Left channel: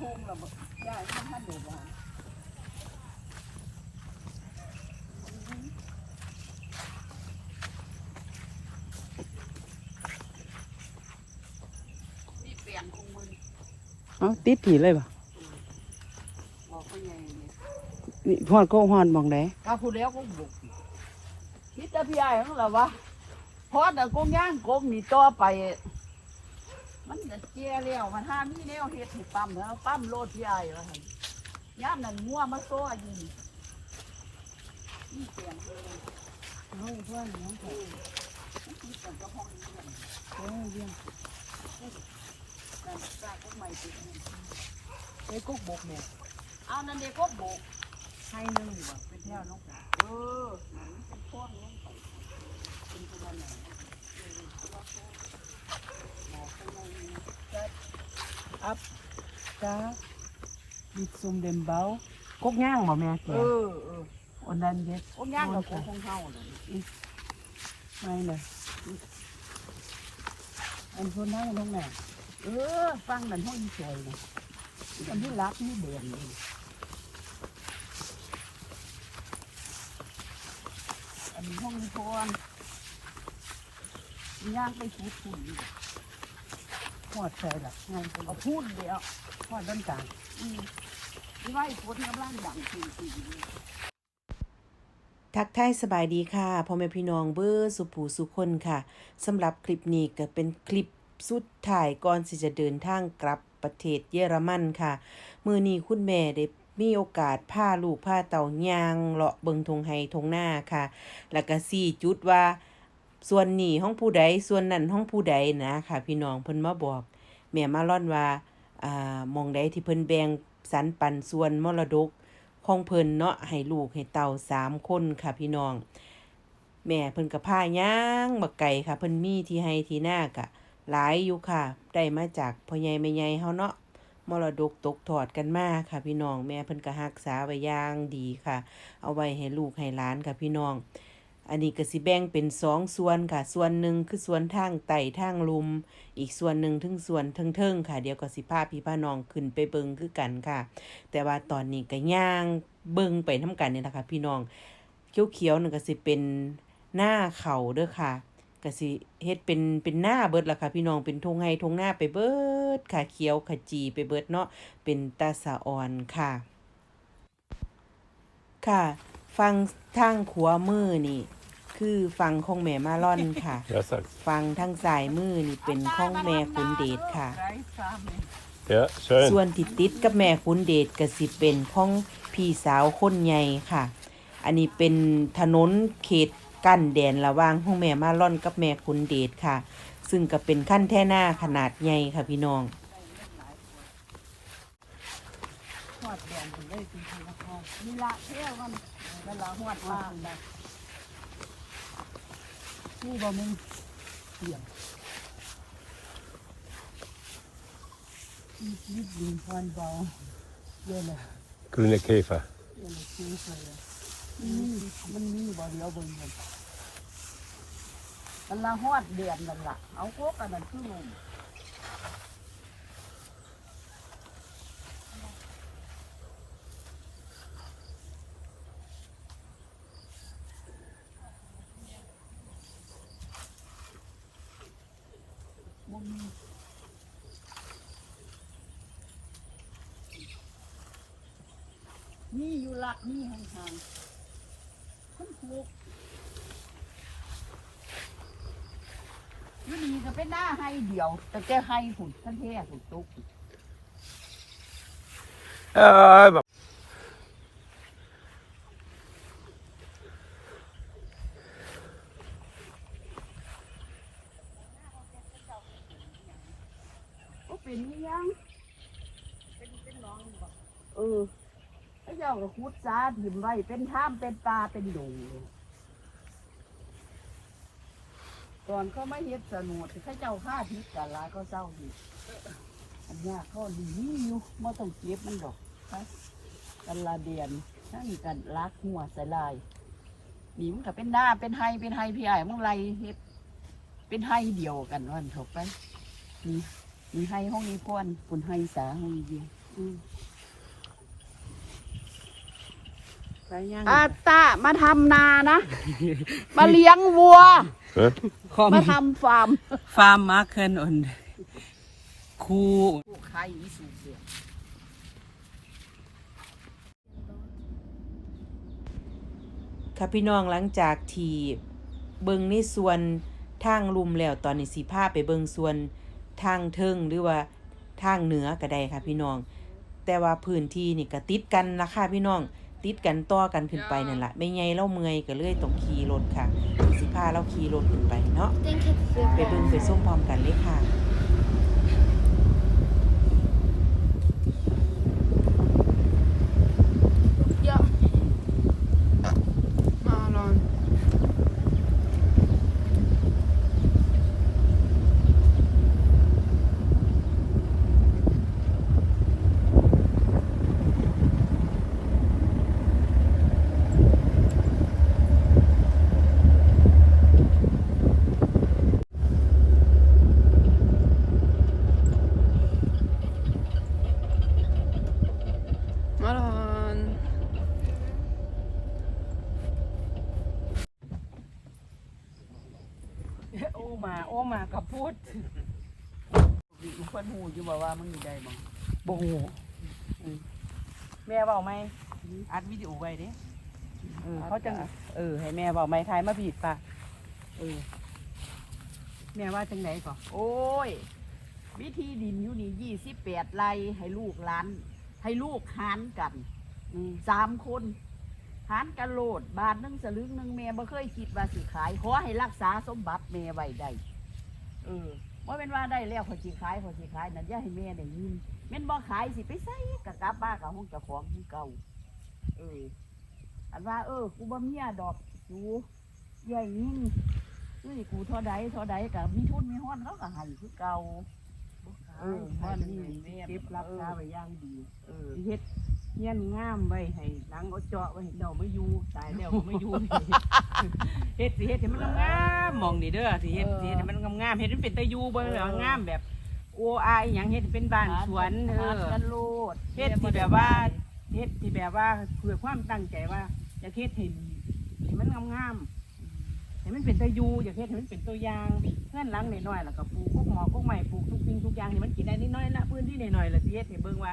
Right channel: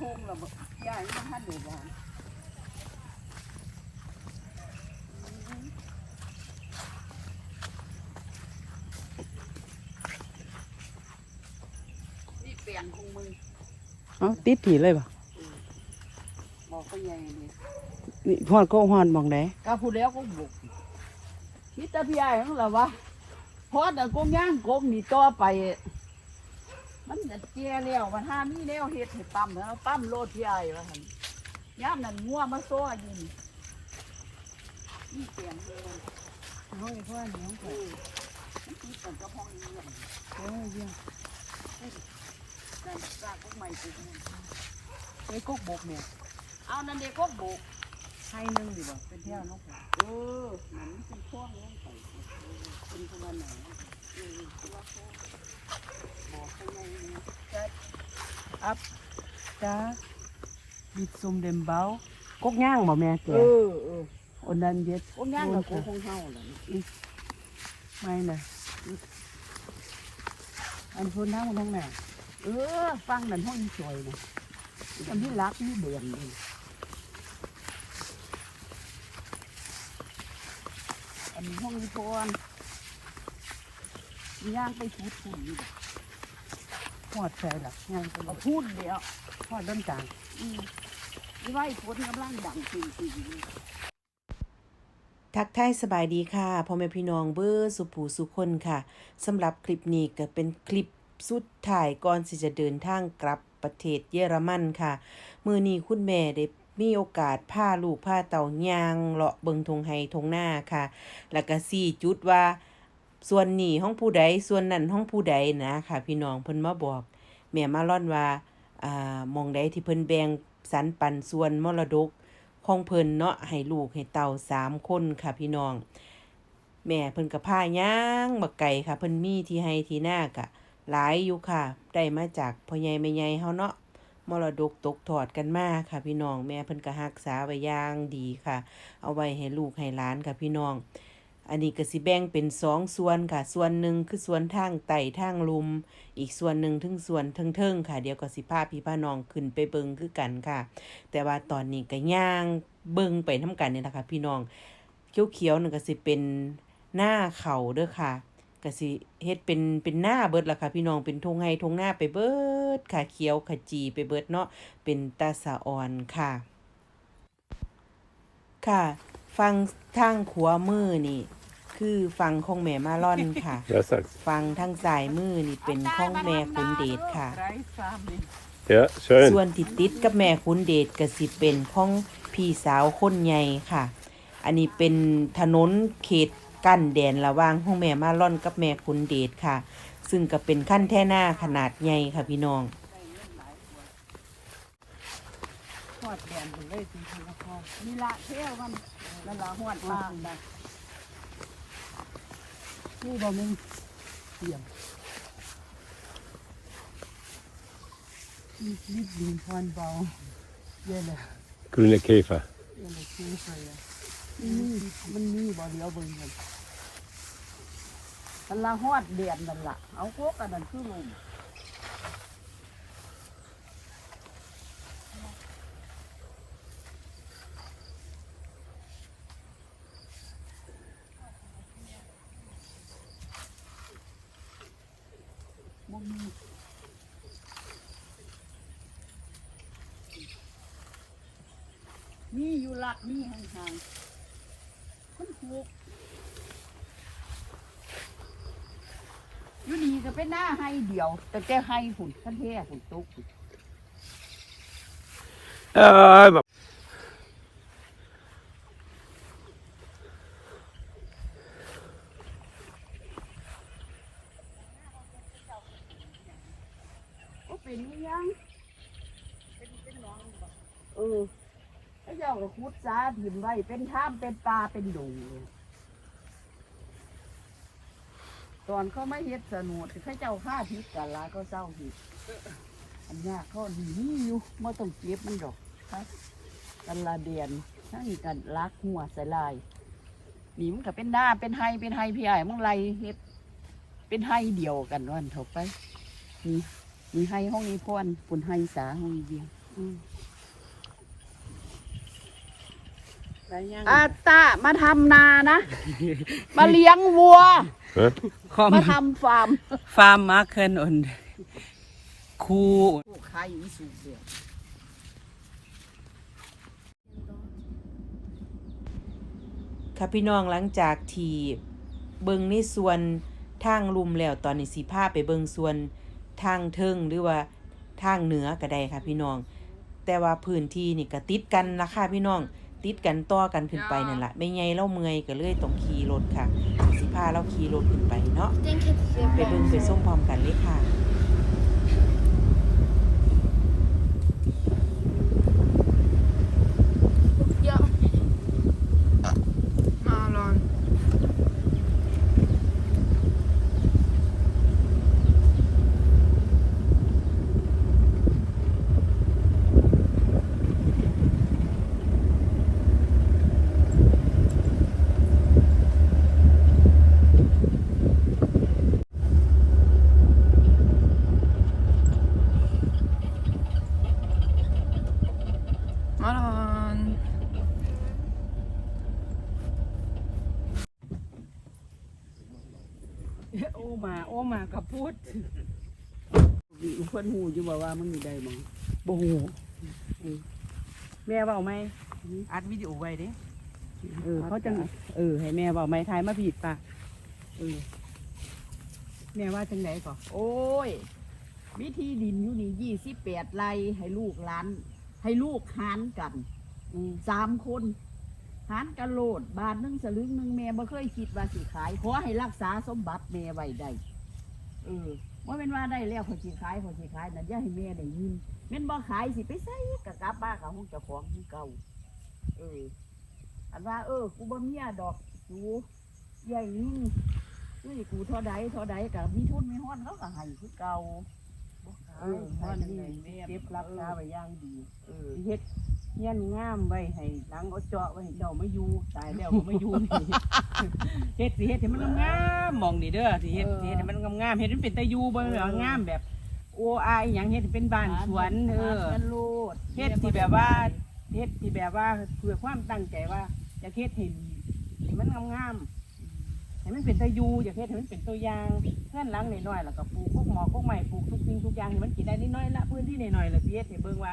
แล้วเดี๋ยวทุ่งแล้วบ่ย่ายังท่านอยู่บ่นี่เปลี่ยนของมึงอืมติดกี่เลยบอกก็ใหญ่นี่นี่พ่อก็ฮอนมองไหนก็พูดแล้วก็บุกนี่แต่พี่ใหญ่ของเราวะพอแต่กงย่างกงนี่ต่อไป มันจะเจียแล้ววันห้ามีแล้วเฮ็ดให้ปั๊มแล้วปั๊มโลดใหญ่วะหั่นย่ามนั่นงัวมาซ้ออยู่นี่นี่เสียงเลยว่ะห้องนี้พ่อน้องเออมันคิดกันก็ห้องนี้เนี่ยนั่นสร้างพวกใหม่ปลูกมันนี่กุ๊กบุกเนี่ยเอานั่นเด็กก็บุกให้หนึ่งบ่เป็นแถวน้องไปเออนั่นเป็นพ่อน้องไปเป็นคนละไหนเออแล้วก็บอกให้ในจะ จ้าบิดซุ่มเดมเบากุ๊กย่างบ่แม่แกเออเอออันนั้นเย็ดโอ้ย่างกับของเฮาล่ะไม่นะอันพูนทั้งทั้งหน้าเออฟังนั่นห้องสวยเลยอันนี้รักนี่เบื่อนี่อันนี้ห้องนี้ก่อนย่างไปพูดคุยอยู่หอดใส่หลักย่างเอาพูดเดียว หอดด้นกลางไว้ผลกำลังดังจริงทักทายสบายดีค่ะพ่อแม่พี่น้องเบอร์สุผูสุคนค่ะสำหรับคลิปนี้ก็เป็นคลิปสุดท้ายก่อนที่จะเดินทางกลับประเทศเยอรมันค่ะ มือนี้คุณแม่ได้มีโอกาสพาลูกพาเต่ายางเลาะเบิงทงไฮทงหน้าค่ะ แล้วก็สี่จุดว่าส่วนนี้ห้องผู้ใดส่วนนั้นห้องผู้ใดนะค่ะ พี่น้องเพิ่นมาบอก แม่มาล่อนว่า อ่ามองใดที่เพิ่นแบ่งสรรปันส่วนมรดกของเพิ่นเนาะให้ลูกให้เต่าสามคนค่ะพี่น้อง แม่เพิ่นกับพาย่างบักไก่ค่ะเพิ่นมีที่ให้ที่หน้ากะหลายอยู่ค่ะ ได้มาจากพ่อใหญ่แม่ใหญ่เฮาเนาะมรดกตกทอดกันมาค่ะพี่น้อง แม่เพิ่นก็รักษาไว้อย่างดีค่ะ เอาไว้ให้ลูกให้หลานค่ะพี่น้อง อันนี้ก็สิแบ่งเป็นสองส่วนค่ะ ส่วนหนึ่งคือส่วนทางไต่ทางลุม อีกส่วนหนึ่งถึงส่วนเทิงๆค่ะ เดี๋ยวก็สิพาพี่พาน้องขึ้นไปเบิงคือกันค่ะ แต่ว่าตอนนี้ก็ย่างเบิงไปน้ำกันนี่แหละค่ะพี่น้องเขียวๆนั่นก็สิเป็นหน้าเขาเด้อค่ะก็สิเฮ็ดเป็นเป็นหน้าเบิดล่ะค่ะพี่น้องเป็นทงไห้ทงหน้าไปเบิดค่ะเขียวขจีไปเบิดเนาะเป็นตาสะออนค่ะ ค่ะ ฟังทางขวามือนี่ คือฟังของแม่มาล่อนค่ะ Ja, tack. ฟังทางซ้ายมือนี่เป็นของแม่ขุนเดชค่ะไร้ซ้ำ Ja, kör ส่ว in. นที่ติดกับแม่ขุนเดชก็สิเป็นของพี่สาวคนใหญ่ค่ะ อันนี้เป็นถนนเขตกั้นแดนระหว่างห้องแม่มาล่อนกับแม่ขุนเดชค่ะ ซึ่งก็เป็นขั้นแท่หน้าขนาดใหญ่ค่ะพี่น้อง หอดเดือนอยู่เลยจริงๆแล้วพ่อนี่ละแค่วันแล้วละหอดบ้างนะ นี่บอมีเดี่ยมมีชีวิตดินพรเบาเย็นนะ Gule Käfer. เย็นนะคือใส่ะนี่มันนี่บ่เดียวเบิ่งมันละหอดเดือนนั่นละเอาโคกกันนั่นคือลมบ่มีนี่ อยู่ละนี่ห่างๆมันโคกอยู่นี่ก็เป็นหน้าให้เดียว แต่แกให้หุ่นท่านเท่หุ่นตุ๊กเป็นยังเออพระเจ้า ก็พุทธาถิ่มไว้เป็นท่ามเป็นตาเป็นดูก่อนเขาไม่เฮ็ดสนุดเขาเจ้าฆ่าพิษกันลาเขาเศร้าพิษอันนี้เขาดีอยู่ไม่ต้องเก็บมันดอกกันละเดียนทั้งกันลักหัวใส่ลายนี่มันก็เป็นหน้าเป็นไฮเป็นไฮพี่ใหญ่มึงไรเฮ็ดเป็นไฮเดียวกันวันเถอะไปนี่มีให้ห้องนี้พ่อนปุ่นให้สาห้องเดียว ไปย่าง อาตามาทำนานะ มาเลี้ยงวัวคอมมาทำฟาร์มฟาร์มมาเคินอนคูพวกใครอีสูงเดียวค่ะพี่น้องหลังจากที่เบิงในส่วนทางลุมแล้วตอนนี้สิพาไปเบิงส่วนทางเทิงหรือว่าทางเหนือก็ได้ค่ะพี่น้อง แต่ว่าพื้นที่นี่ก็ติดกันละค่ะพี่น้อง ติดกันต่อกันขึ้นไปนั่นแหละไม่ไงเล่าเมื่อยก็เลยต้องขี่รถค่ะ สิพาเราขี่รถขึ้นไปเนาะไปเบิงไปส้มพร้อมกันเลยค่ะ มาลอนโอ้มาโอ้มากับพูดมีคนหูอยู่บ่ว่ามึงอยู่ได้มั้งบูแม่เบาไหมอัดวิดีโอไว้ดิเออเขาจังเออให้แม่เบาไหมทายมาผิดปะเออแม่ว่าจังไหนก่อนโอ้ย วิธีดินอยู่นี่ยี่สิบแปดไร่ให้ลูกหลาน ให้ลูกหารกันอืมสามคนหารกันโลด บาทหนึงสลึงหนึงแม่บ่เคยคิดว่าสิขาย ขอให้รักษาสมบัติแม่ไว้ได้เออว่าเป็นว่าได้แล้วขอสิขายขอสิขายนั่นอย่าให้แม่ได้ยินแม่นบ่ขายสิไปใส่กะกลับบ้านกับห้องเจ้าของคือเก่า เออ อันว่า เออกูบ่เมียดอกกูใหญ่ยิ่งเฮ้ยกูเท่าใดเท่าใดกับมีทุนมีห้อนเขาก็ให้คือเก่า เออเพราะให้นี่จังใดแม่เก็บรักษาไว้อย่างดีเออเฮ็ดเงี้ยนงามไว้ให้หลังเอาเจาะไว้ให้เดาไม่อยู่ตายแล้วก็ไม่อยู่เฮ็ดสิเฮ็ดให้มันงามๆมองนี่เด้อสิเฮ็ดสิเฮ็ดให้มันงามๆเฮ็ดให้มันเป็นตะยูบ่แบบว่างามแบบโออายอหยังเฮ็ดให้เป็นบ้านสวนเออกันโลดเฮ็ดที่แบบว่าเฮ็ดที่แบบว่าเพื่อความตั้งใจว่าอยากเฮ็ดให้ให้มันงามๆ ให้มันเป็นตะยูอยากเฮ็ดให้มันเป็นตัวอย่างเพื่อนหลังน้อยๆแล้วก็ปลูกพวกหมอกพวกใหม่ปลูกทุกสิ่งทุกอย่างให้มันกินได้นิดหน้อยละพื้นที่น้อยๆแล้วสิเฮ็ดให้เบิ่งว่า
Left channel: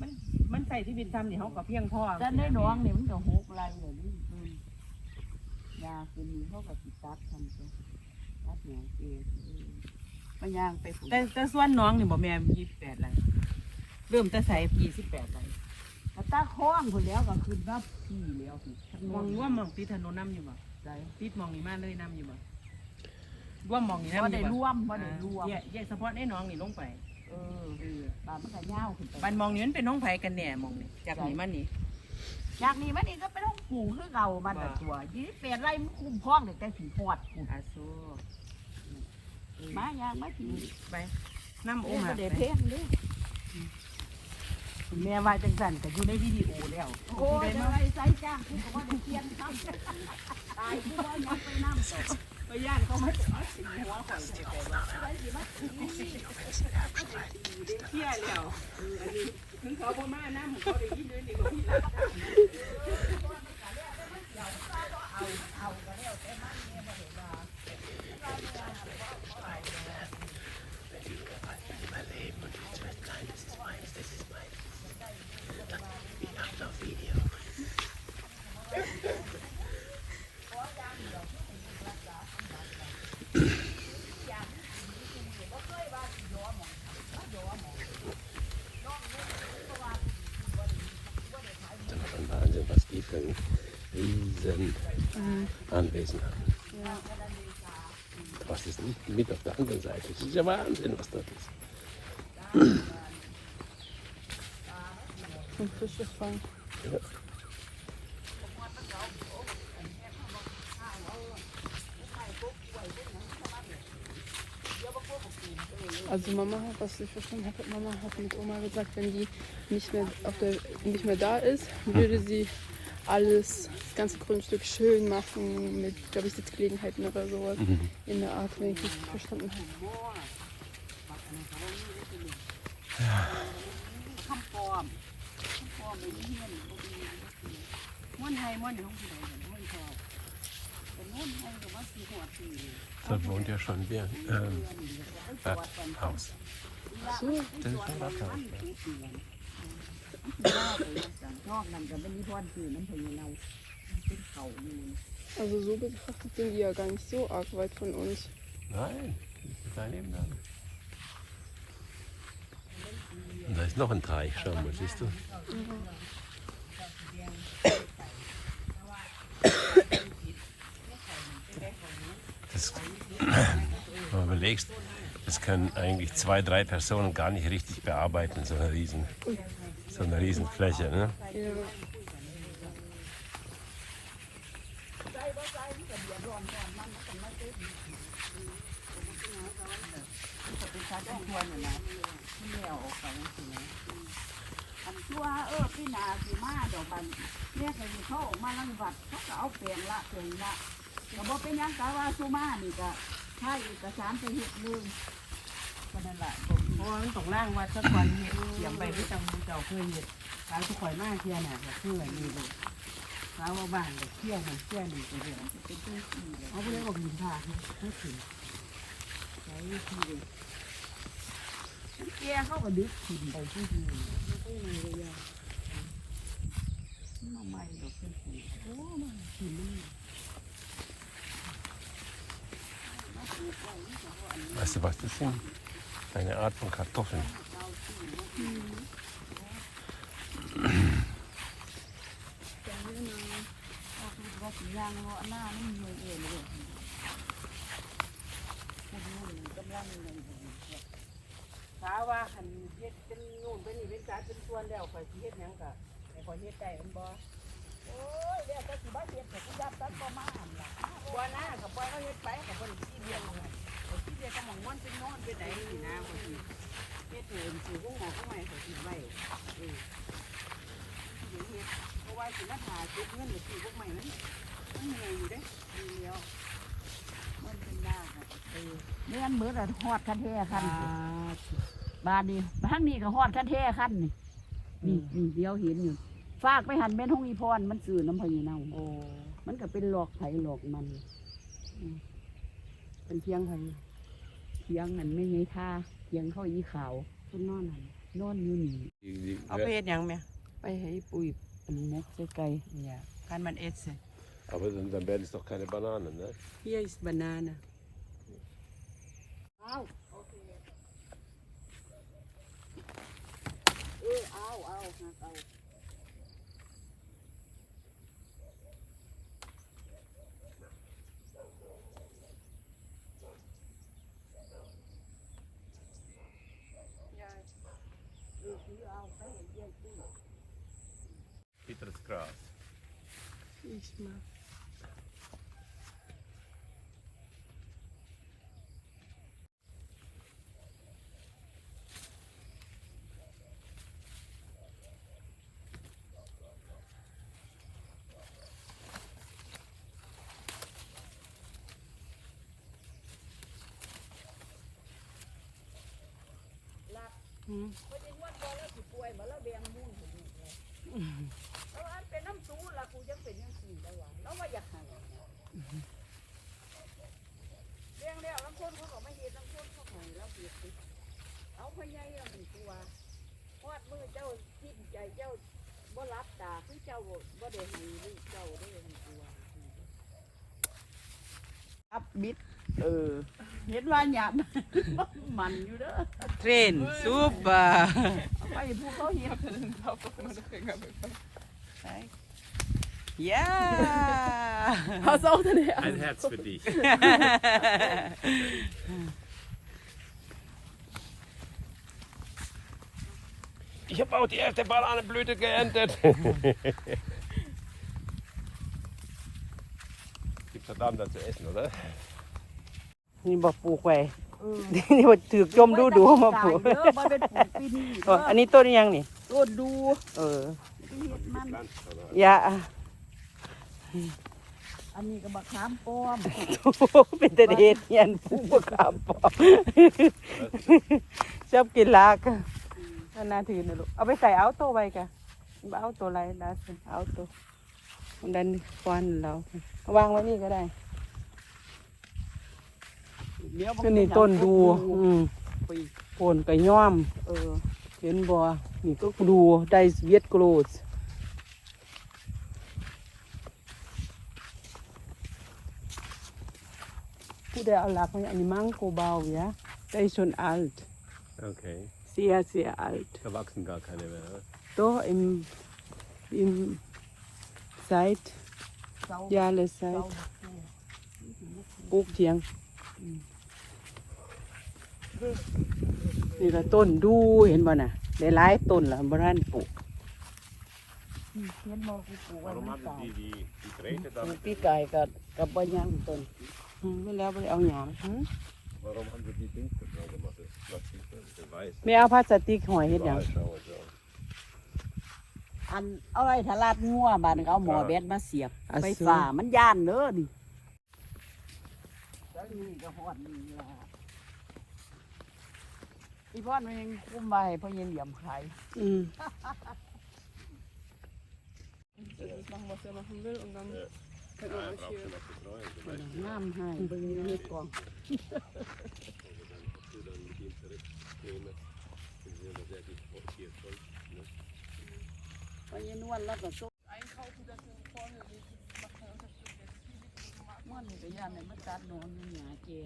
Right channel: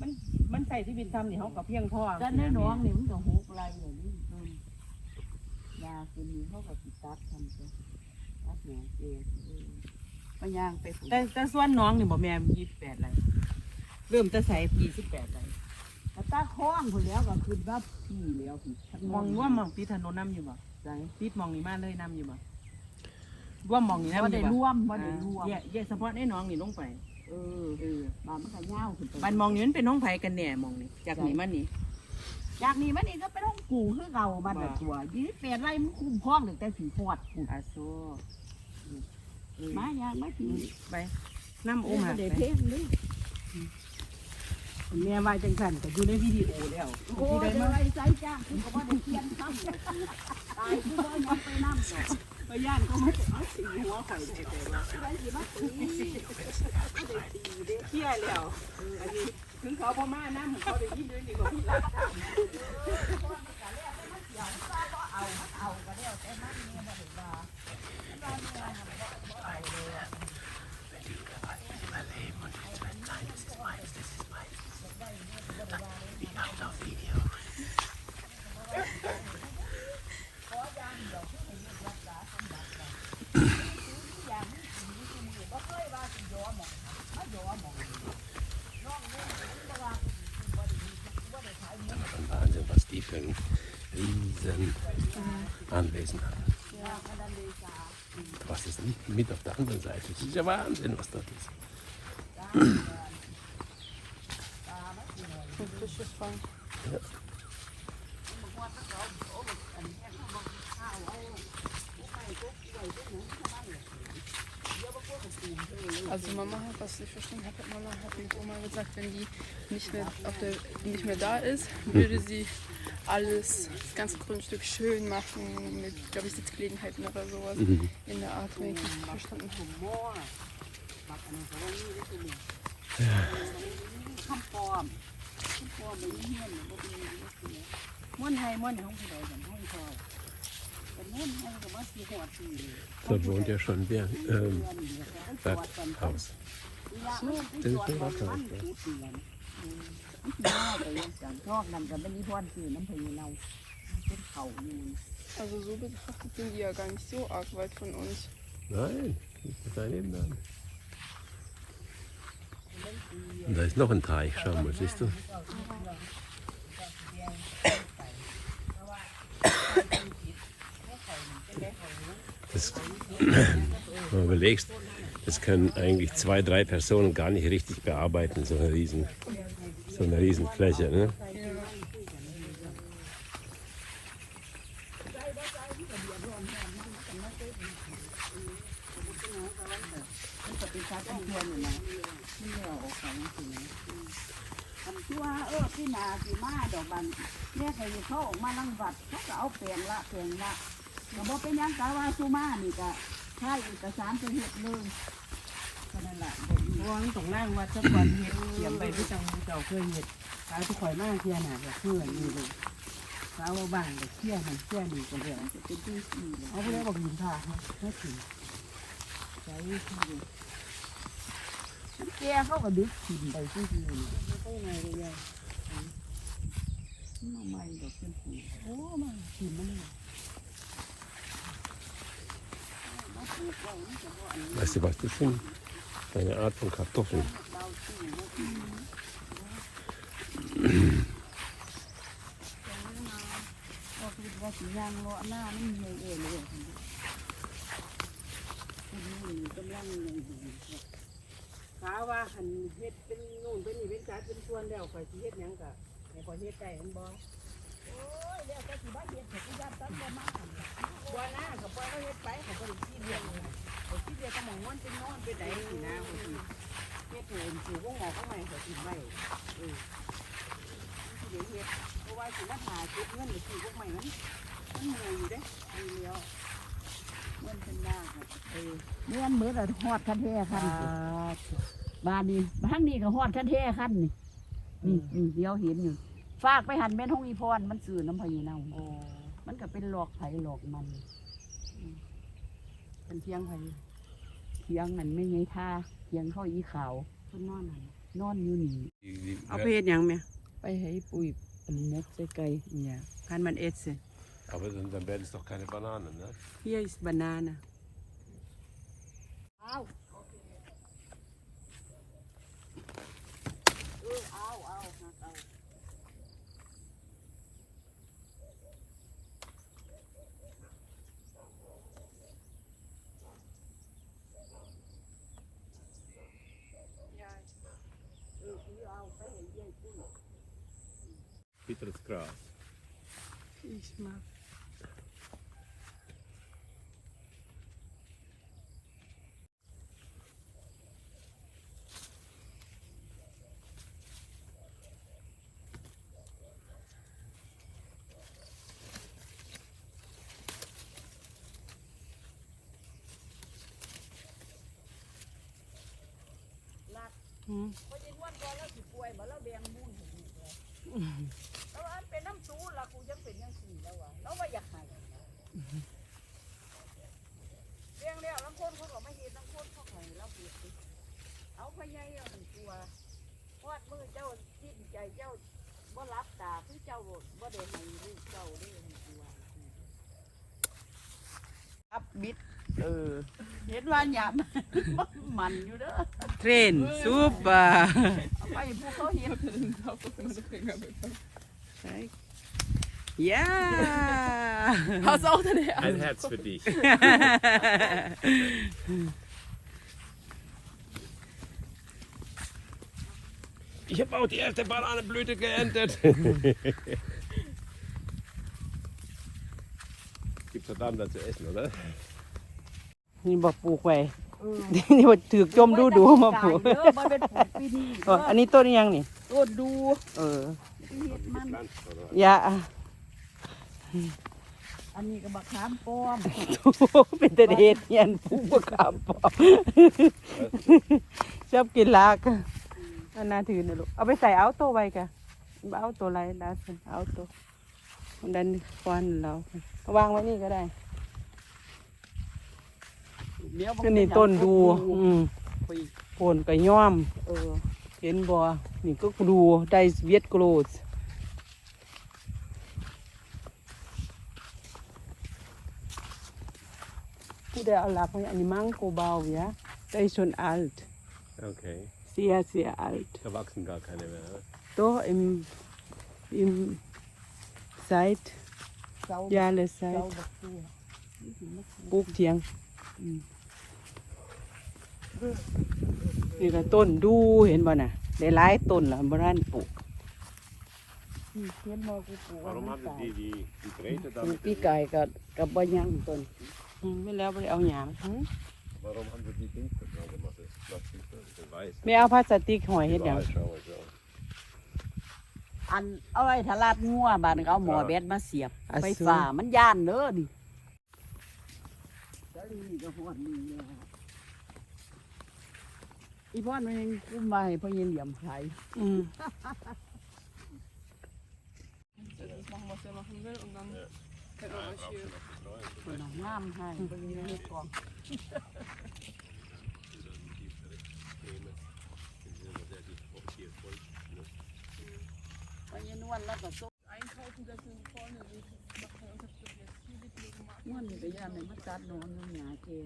มันมันใส่ที่ดินทำนี่เฮาก็เพียงพอแต่ในหนองนี่มันก็หกไรเลยนี่อืมยาคืนนี้เขาก็ติดตัดทำตัวตัดหนองเกลือเออไปย่างไปฝุ่นแต่แต่ส่วนน้องนี่บ่แม่น28ไร่เริ่มแต่ใส่28ไร่แต่ตาค้อนคนแล้วก็ขึ้นว่าพี่แล้วพี่ทั้งมองว่ามองติดถนนนํอยู่บ่ ใจติดมองนี่มาเลยนํอยู่บ่ร่วมมองนี่นํอว่ายู่ได้บ่ร่วมว่าได้ร่วมแยกแยกเฉพาะในน้องนี่ลงไปเออเออบ้านมันก็ยาวขึ้นไปบ้านมองนี่มันเป็นน้องไผกันแน่มองนี่จากนี่มานี่จากนี้มันนี่ก็ไปต้องกูคือเก่ามันน่ะว่าตัวยี่สิบแปดไร่มันคุ้มครองตั้งแต่ผีพอดกูอาโซเออมายางมาถึงไปน้ำโอมาเดี๋ยวไป เทงนี่ แม่ว่าจังสั่นก็อยู่ในวิดีโอแล้วโอ้ยเดี๋ยวไอ้ใจจ้างกูก็ว่าได้เทียนซ้ำตายกูว่ายังไปน้ำต่อไปย่านเขามาเอาสีหัวข่อยได้แต่ว่าไปสิมาตีเที่ยแล้วถึงเขาบ่มาน้ำเขาได้ยินด้วยนี่เขาพี่รักทางเอาเอาก็แล้วแต่มันเนี่ยบ่ได้ว่าว่าเนี่ยหันบ่บ่เอาเลย mit auf der anderen Seite. Das ist ja Wahnsinn, was da ist. Also Mama hat, was ich verstanden Mama hat Oma gesagt, wenn die nicht mehr, der, nicht mehr da ist, würde sie alles, ganz ganze Grundstück schön machen mit, glaube Sitzgelegenheiten oder sowas mhm. in der Art richtig bestimmt. Da wohnt ja schon wer ähm, das Haus. Das ist der มันไปจอดมองมันกูเตือนมันสิยาวไปยังสันชอบนั่นก็เป็นนิพนธ์คือน้ำพยูเราเป็นเขาอยู่ Also so betrachtet sind wir ja gar nicht so arg weit von uns. Nein, ist daneben da. Und da ist noch ein Teich, schau mal, siehst du? Das, wenn du überlegst, das können eigentlich zwei, drei Personen gar nicht richtig bearbeiten, so eine riesen, so eine riesen Fläche. Ne? มันก็เป็นชาติควรน่ะนะที่แล้วออกไปจังซี่นะอันชั่วเออพี่นาสิมาดอกบันเนี่ยเคยเขาออกมาลังวัดเขาก็เอาเปลี่ยนละเปลี่ยนละก็บ่เป็นหยังกะว่าสุมานี่ก็ใช่เอกสารไปเฮ็ดเลยก็นั่นแหละบ่มีเพราะว่ามันต้องล่างวัดซะก่อนเฮ็ดเตรียมไปที่จังหวัดเจ้าเคยเฮ็ดขายทุกข่อยมากเที่ยน่ะก็คืออันนี้ลูกสาวว่าบ้านก็เที่ยหันเที่ยนี่ก็เรื่องจะเป็นที่สี่เลยเอาไปเลยบอกยินพาให้ถึงใช้ที่มันแก่เขาก็ดึกถิ่นไปที่ที่นี่ไม่ต้องไงเลยยายมาใหม่ดอกเป็นสีโอ้มาถึงมัน มาปลูกไว้มันจะ บ่อันนี้ Weißt du was, das sind eine Art von Kartoffeln. เร องมันเป็นนอนเป็นใดนี่นะข่อยสิเฮ็ดให้เห็นสิวงหมอข้างในข่อยสิไว้เออสิเดี๋ยวเฮ็ดเพราะว่าสิมาถ่ายเก็บเงินหรือสิพวกใหม่มันมันเหนื่อยอยู่เด้ดีแล้วมันเป็นหน้าค่ะเออเมื่อนมือแต่ฮอดคันเทคันบ้านนี้บ้านนี้ก็ฮอดคันเทคันนี่นี่นี่เดียวเห็นอยู่ฝากไปหันเป็นห้องอีพรมันสื่อน้ำพยีนาเออมันก็เป็นหลอกไผ่หลอกมันเป็นเพียงไผ เทียงมันไม่ไงท่าเทียงเข้าอีขาวเป็นนอนหั่นนอนอยู่นี่เอาไปเฮ็ดหยังแม่ไปให้ปุ๋ยเป็นเม็ดใส่ไก่เนี่ยคันมันเอสเซ Aber in dann werden es doch keine Bananen, ne? Hier ist Banane. Bitteres Gras. Ich mag. Hmm. เพราะว่าเป็นน้ำซูละกูยังเป็นยังสี่แล้ววะแล้วว่าอยากหายเลี้ยงแล้วบางคนเขาก็ไม่เห็นบางคนเขาของเราเห็นเอาพยายามตัววาดมือเจ้าที่ใจเจ้าบ่รับตาคือเจ้าบ่ได้เห็นลูกเจ้าได้เห็นตัวอับบิดเออเห็นว่าหยาบมันอยู่เด้อ Train, super. Ja. Hast auch deine Herzen. Ein Herz für dich. Ich habe auch die erste Bananenblüte geerntet. Gibt's verdammt was zu essen, oder? Nimm mal Buch, ey. ปลูกไว้นี่ว่าถือจมดูดูมาปลูกเด้อบ่เป็นปลูกปีนี้อ๋ออันนี้ต้นยังนี่โอดดูเออเห็ดมันยาอันนี้ก็บักขามป้อมเป็นแต่เฮ็ดเฮียนผู้ขับชอบกินลากอันน่าถือลูกเอาไปใส่เอาตัวไว้จ้ะเอาตัวอะไรนะเอาตัวดันควันแล้ววางไว้นี่ก็ได้ เดี๋ยวอันนี้ต้นดู อืมต้นกระย่อม เออ เห็นบ่นี่ก็กรูได้เวียดกรูที่เดือดรักในอันมังคูบอมนะเป็นชนอัลต์ Okay. เสียเสียอัลต์ Da wachsen gar keine mehr. ne? โตอิมอิมไนี่ละต้นดูเห็นบ่น่ะหลายต้นละบราณปลูกเพื่อนมอกูปลูกไว้มัน hatte ตายปลูกปีไก่กับกับบ่ยังต้นอืมไม่แล้วไปเอาหยังหืม Warum haben wir die Dings da gemacht? Das plötzlich so weiß. ไม่เอาพลาสติกหอยเฮ็ดหยังอันเอาไว้ทลาดงัวบานเอาหมอแบดมาเสียบไฟฟ้ามันย่านเด้อดิก็นี่ก็ฮอดนี่ล่ะ อีพ่อมันยังทำไมพ่อยินเหลี่ยมขายอืม Das machen, was er machen will und dann halt man sich hier มันเอาน้ำให้ตรงนี้มีกองเย็นวันแล้วก็ซุปมันก็ย่านในมันกัดนอนอยู่หงาเกี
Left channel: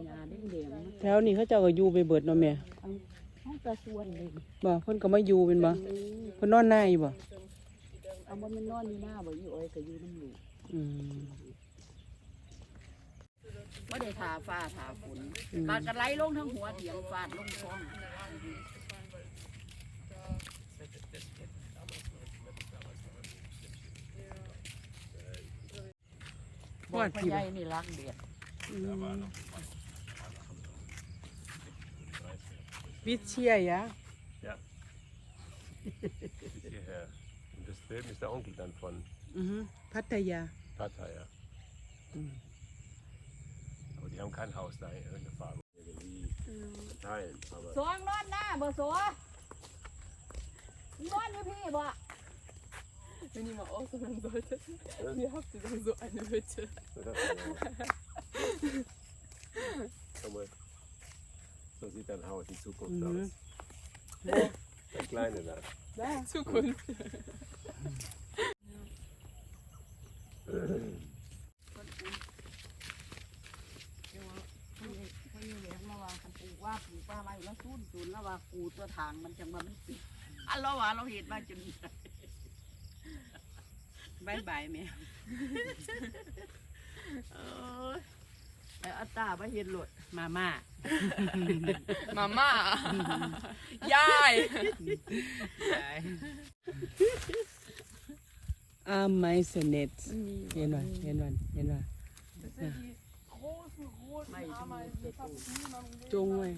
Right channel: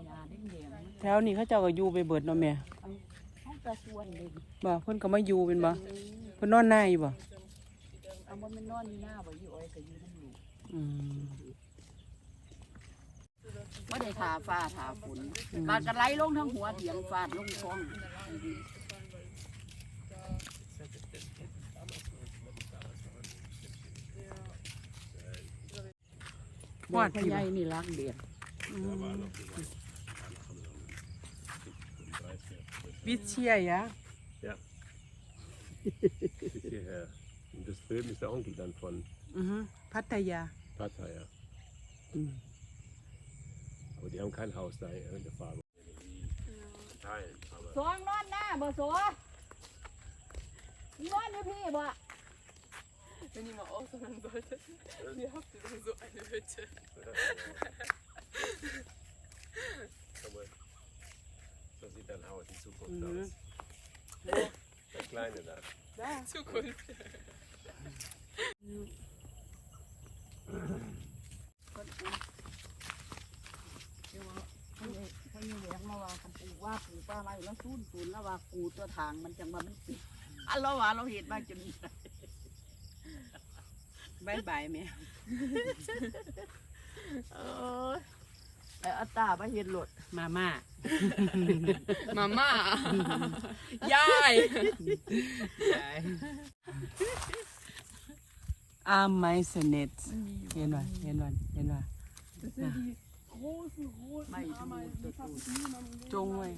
ยหงาเด้งเด้งแถวนี้เขาเจ้าก็อยู่ไปเบิดเนาะแม่มันก็ส่วนดีบ่เพิ่นก็มาอยู่เป็นบ่เพิ่นนอนหน้าอยู่บ่อันนั้นมันนอนอยู่หน้าบ่อยู่อ้อยก็อยู่นั่นอยู่อืมไม่ได้ทาฟ้าทาฝนตากระไหลลงทั้งหัวเถียงฟาดลงท้องวาดพ่อที่ใหบ่ญ่นี่รักเดียดอืมวิ เชียยะ Bis hierher. Und das drüben ist der Onkel dann von อือฮึพัทยา Tata, ja. Mhm. Aber die haben kein Haus da in der Farbe irgendwie verteilen. Aber สองนอนหน้าบ่สวนนอนอยู่พี่บ่ Wenn ihr mal auswandern solltet, ihr habt ihr dann so eine Hütte. Schau mal. So sieht dann aus in Zukunft Mhm. aus. Der kleine da. Zukunft. เดี๋ยวว่าพ่อใหญ่พ่อใหญ่แหลงมาว่าคันปลูกว่าปลูกป้าไว้แล้วซูนซูนแล้วว่ากูตัวทางมันจังว่ามันปิอันเราว่าเราเห็นมาจนบายบายแม่เออ แอ้อัตตาบ่เห็นหลดมาม่า มาม่า ยาย อาไม่สเนิตเย็นวันเย็นวันเย็นวันไม่ดูตัวจงเลย